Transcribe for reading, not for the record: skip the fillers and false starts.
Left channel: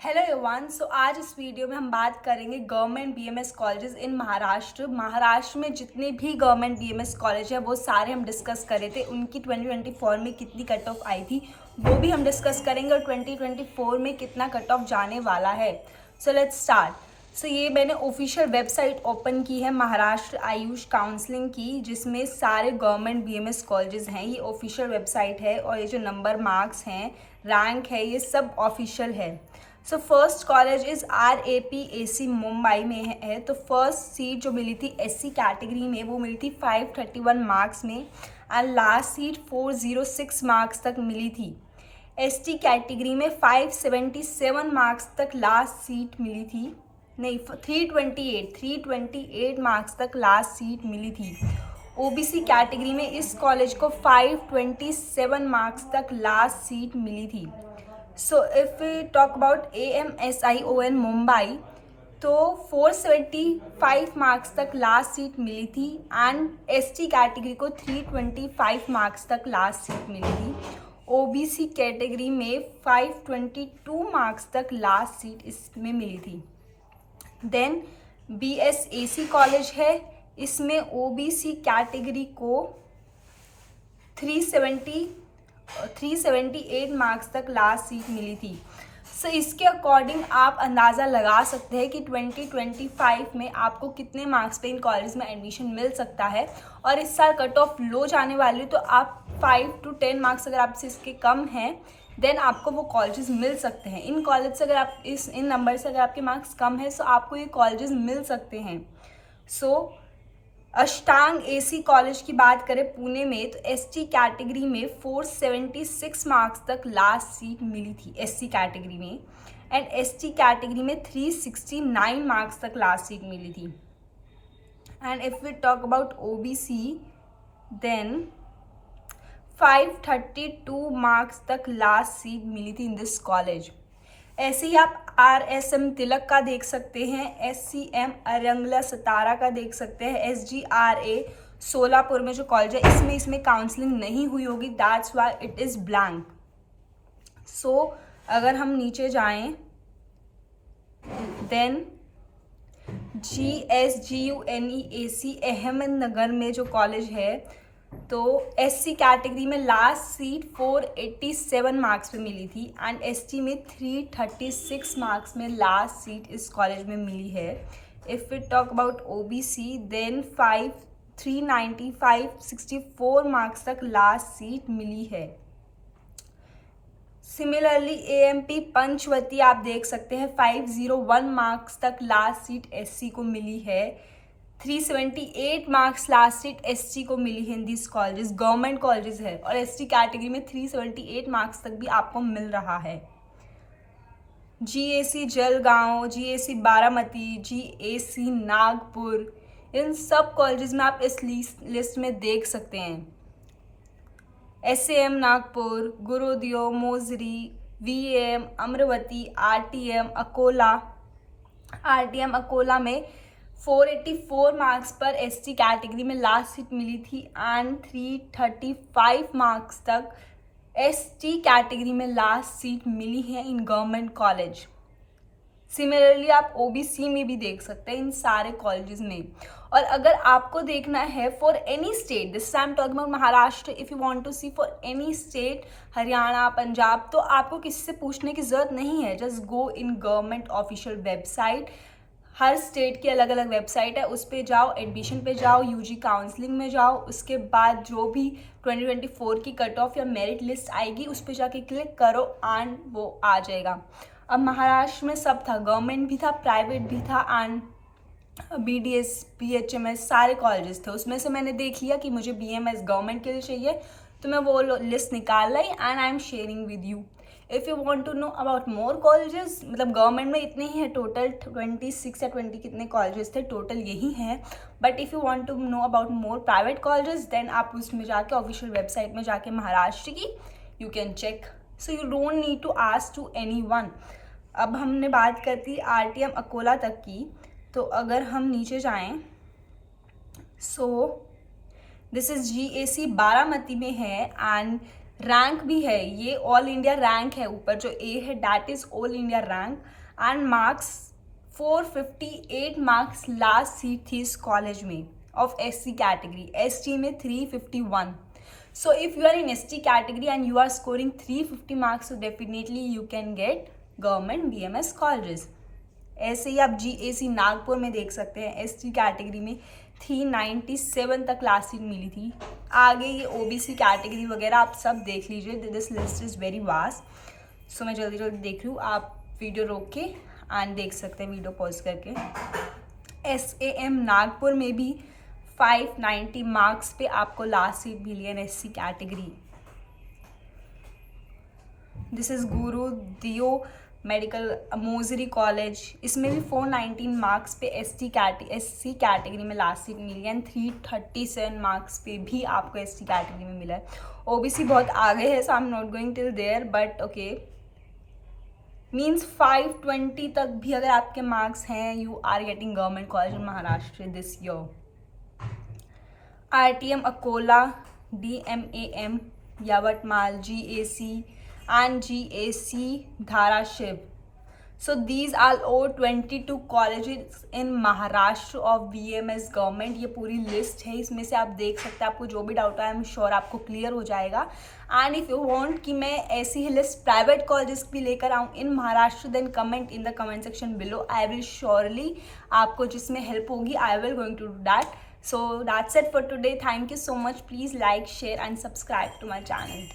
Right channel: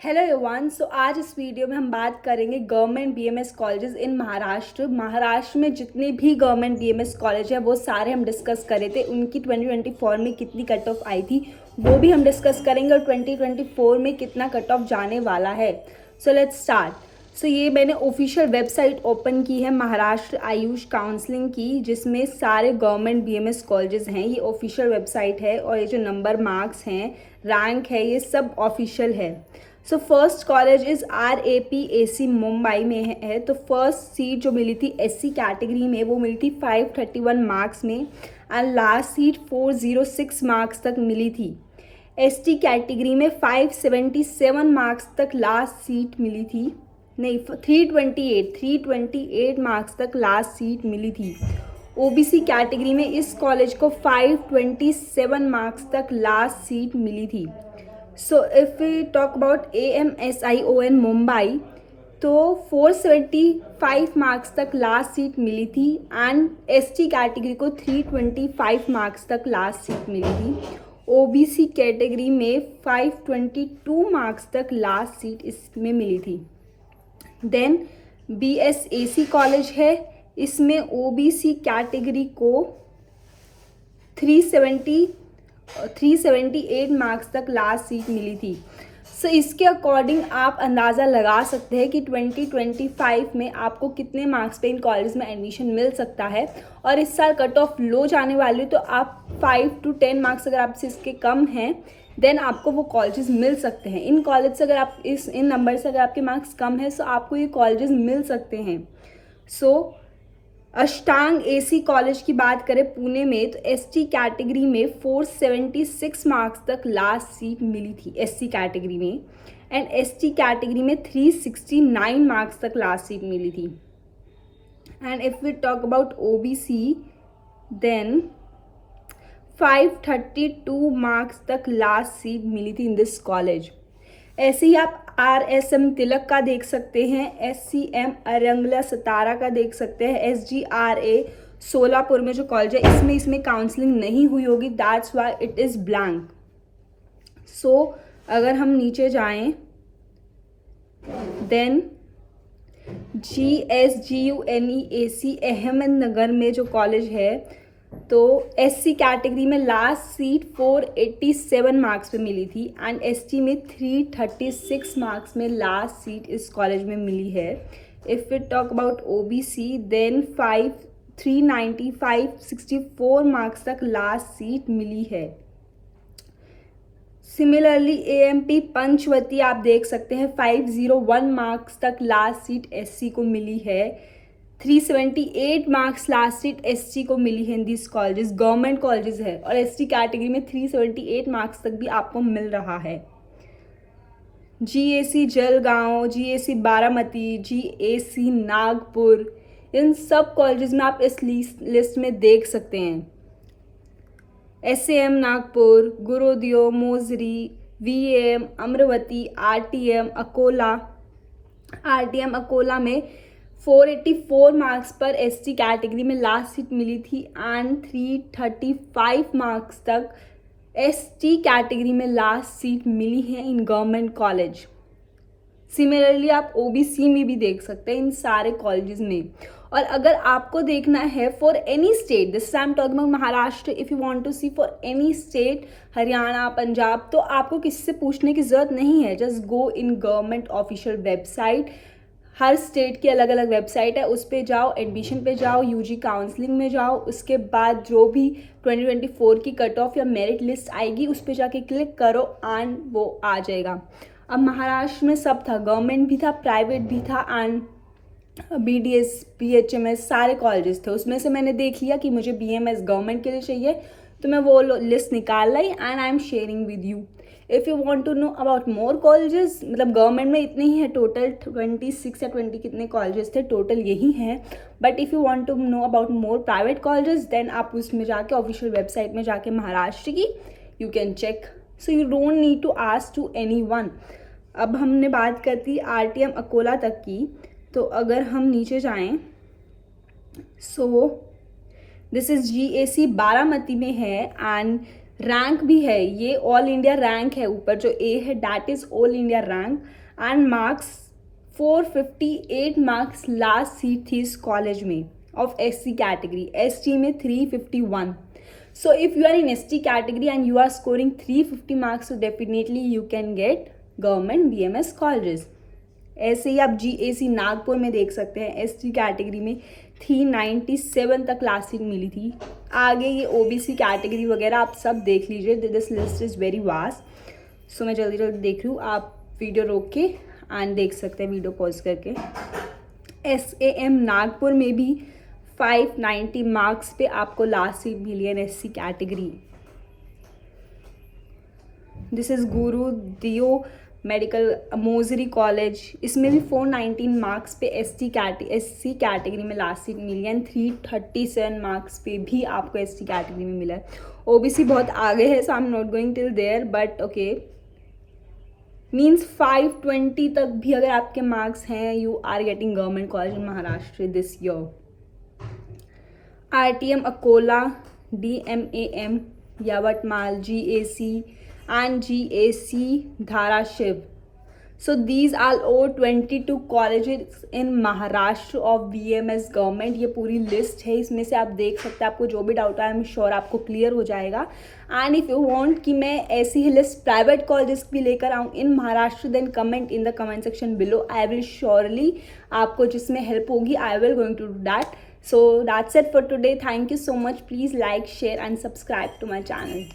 Hello everyone. आज इस video में हम बात करेंगे government BMS colleges in Maharashtra. Maharashtra में जितने भी गवर्नमेंट बीएमएस कॉलेज है वो सारे हम डिस्कस करे थे। उनकी 2024 में कितनी कट ऑफ आई थी वो भी हम डिस्कस करेंगे और 2024 में कितना कट ऑफ जाने वाला है। So let's start. ये मैंने ऑफिशियल वेबसाइट ओपन की है महाराष्ट्र आयुष काउंसलिंग की, जिसमें सारे गवर्नमेंट बीएमएस कॉलेजेस हैं। ये ऑफिशियल वेबसाइट है और ये जो नंबर मार्क्स हैं, रैंक है, ये सब ऑफिशियल है। First college is RAPAC Mumbai में है। तो फर्स्ट सीट जो मिली थी SC कैटेगरी में वो मिली थी 531 मार्क्स में एंड लास्ट सीट 406 मार्क्स तक मिली थी। ST कैटेगरी में 577 मार्क्स तक लास्ट सीट मिली थी, नहीं 328 मार्क्स तक लास्ट सीट मिली थी। OBC कैटेगरी में इस कॉलेज को 527 मार्क्स तक लास्ट सीट मिली थी। If we talk about AMSION Mumbai तो 475 मार्क्स तक लास्ट सीट मिली थी एंड ST कैटेगरी को 325 मार्क्स तक लास्ट सीट मिली थी। OBC कैटेगरी में 522 मार्क्स तक लास्ट सीट इसमें मिली थी। देन BSAC कॉलेज है, इसमें OBC कैटेगरी को 378 मार्क्स तक लास्ट सीट मिली थी। इसके अकॉर्डिंग आप अंदाज़ा लगा सकते हैं कि 2025 में आपको कितने मार्क्स पे इन कॉलेज में एडमिशन मिल सकता है। और इस साल कट ऑफ लो जाने वाली, तो आप 5 to 10 मार्क्स अगर आपसे इसके कम हैं देन आपको वो कॉलेजेस मिल सकते हैं। इन कॉलेज से अगर आप इन नंबर से अगर आपके मार्क्स कम है तो आपको ये कॉलेजेस मिल सकते हैं। अष्टांग AC कॉलेज की बात करें पुणे में तो ST कैटेगरी में 476 मार्क्स तक लास्ट सीट मिली थी SC कैटेगरी में एंड ST कैटेगरी में 369 मार्क्स तक लास्ट सीट मिली थी। And if we talk about OBC then 532 marks तक लास्ट सीट मिली थी इन दिस कॉलेज। ऐसे ही आप RSM तिलक का देख सकते हैं, SCM अरंगला सतारा का देख सकते हैं, SGRA सोलापुर में जो कॉलेज है इसमें काउंसलिंग नहीं हुई होगी, that's why it is blank. अगर हम नीचे जाएं देन GSGUNEAC अहमदनगर में जो कॉलेज है तो SC कैटेगरी में लास्ट सीट 487 मार्क्स पे मिली थी एंड ST में 336 मार्क्स में लास्ट सीट इस कॉलेज में मिली है। If we talk about OBC then 364 marks तक लास्ट सीट मिली है। सिमिलरली AMP पंचवती आप देख सकते हैं 501 मार्क्स तक लास्ट सीट SC को मिली है। 378 मार्क्स लास्ट सीट SC को मिली है in this colleges, government colleges है और ST कैटेगरी में 378 मार्क्स तक भी आपको मिल रहा है। GAC Jalgaon, GAC Baramati, GAC Nagpur, इन सब कॉलेजेस में आप इस लिस्ट में देख सकते हैं। SAM नागपुर, गुरुदेव, मोजरी, VAM अमरावती, RTM अकोला में 484 मार्क्स पर ST कैटेगरी में लास्ट सीट मिली थी एंड 335 मार्क्स तक ST कैटेगरी में लास्ट सीट मिली है इन गवर्नमेंट कॉलेज। सिमिलरली आप OBC में भी देख सकते हैं इन सारे कॉलेजेस में। और अगर आपको देखना है for any state, this I am talking about Maharashtra, if you want to see for any state, Haryana, Punjab, तो आपको किससे पूछने की ज़रूरत नहीं है। Just go in government official website, हर स्टेट की अलग अलग वेबसाइट है, उस पर जाओ, एडमिशन पे जाओ, UG काउंसलिंग में जाओ, उसके बाद जो भी 2024 की कट ऑफ या मेरिट लिस्ट आएगी उस पर जाके क्लिक करो एंड वो आ जाएगा। अब महाराष्ट्र में सब था, गवर्नमेंट भी था, प्राइवेट भी था एंड BDS BHMS सारे कॉलेजेस थे। उसमें से मैंने देख लिया कि मुझे BMS गवर्नमेंट के लिए चाहिए तो मैं वो लिस्ट निकाल लाई and I am sharing with you. If you want to know about more colleges, मतलब गवर्नमेंट में इतने ही है टोटल, 26 या 20 कितने कॉलेजेस थे टोटल यही हैं। But if you want to know about more private colleges then आप उसमें जाके ऑफिशियल वेबसाइट में जाके महाराष्ट्र की you can check. You don't need to ask to anyone. अब हमने बात करती RTM अकोला तक की, तो अगर हम नीचे जाएं दिस इज़ GAC बारामती में है एंड रैंक भी है, ये ऑल इंडिया रैंक है, ऊपर जो ए है that is all India rank. And marks 458 marks last seat थी इस कॉलेज में ऑफ SC कैटेगरी, ST में 351। So if you are in ST category and you are scoring 350 marks, so definitely you can get government BMS colleges. ऐसे ही आप GAC Nagpur में देख सकते हैं, ST कैटेगरी में 397 तक लास्ट सीट मिली थी। आगे ये OBC कैटेगरी वगैरह आप सब देख लीजिए, this list is very vast. So मैं जल्दी जल्दी देख रही हूँ, आप वीडियो रोक के एंड देख सकते हैं वीडियो पॉज करके। SAM नागपुर में भी 590 मार्क्स पे आपको लास्ट सीट मिली है SC कैटेगरी। दिस इज़ गुरु दियो मेडिकल मोजरी कॉलेज, इसमें भी 419 मार्क्स पे SC कैटेगरी में लास्ट सीट मिली है एंड 337 मार्क्स पे भी आपको ST कैटेगरी में मिला है। OBC बहुत आगे है, so I am not going till there, but okay means 520 तक भी अगर आपके मार्क्स हैं, you are getting government college in Maharashtra this year. RTM Akola, DMAM Yavatmal, GAC and GAC Dharashiv. So these are all 22 colleges in Maharashtra of BMS government. ये पूरी list है, इसमें से आप देख सकते हैं, आपको जो भी डाउट है आई एम श्योर आपको क्लियर हो जाएगा। एंड इफ़ यू वांट कि मैं ऐसी ही लिस्ट प्राइवेट कॉलेजेस भी लेकर आऊँ in Maharashtra, then comment in the comment section below, I will surely आपको जिसमें हेल्प होगी I will going to do that. So that's it for today. Thank you so much. Please like, share and subscribe to my channel.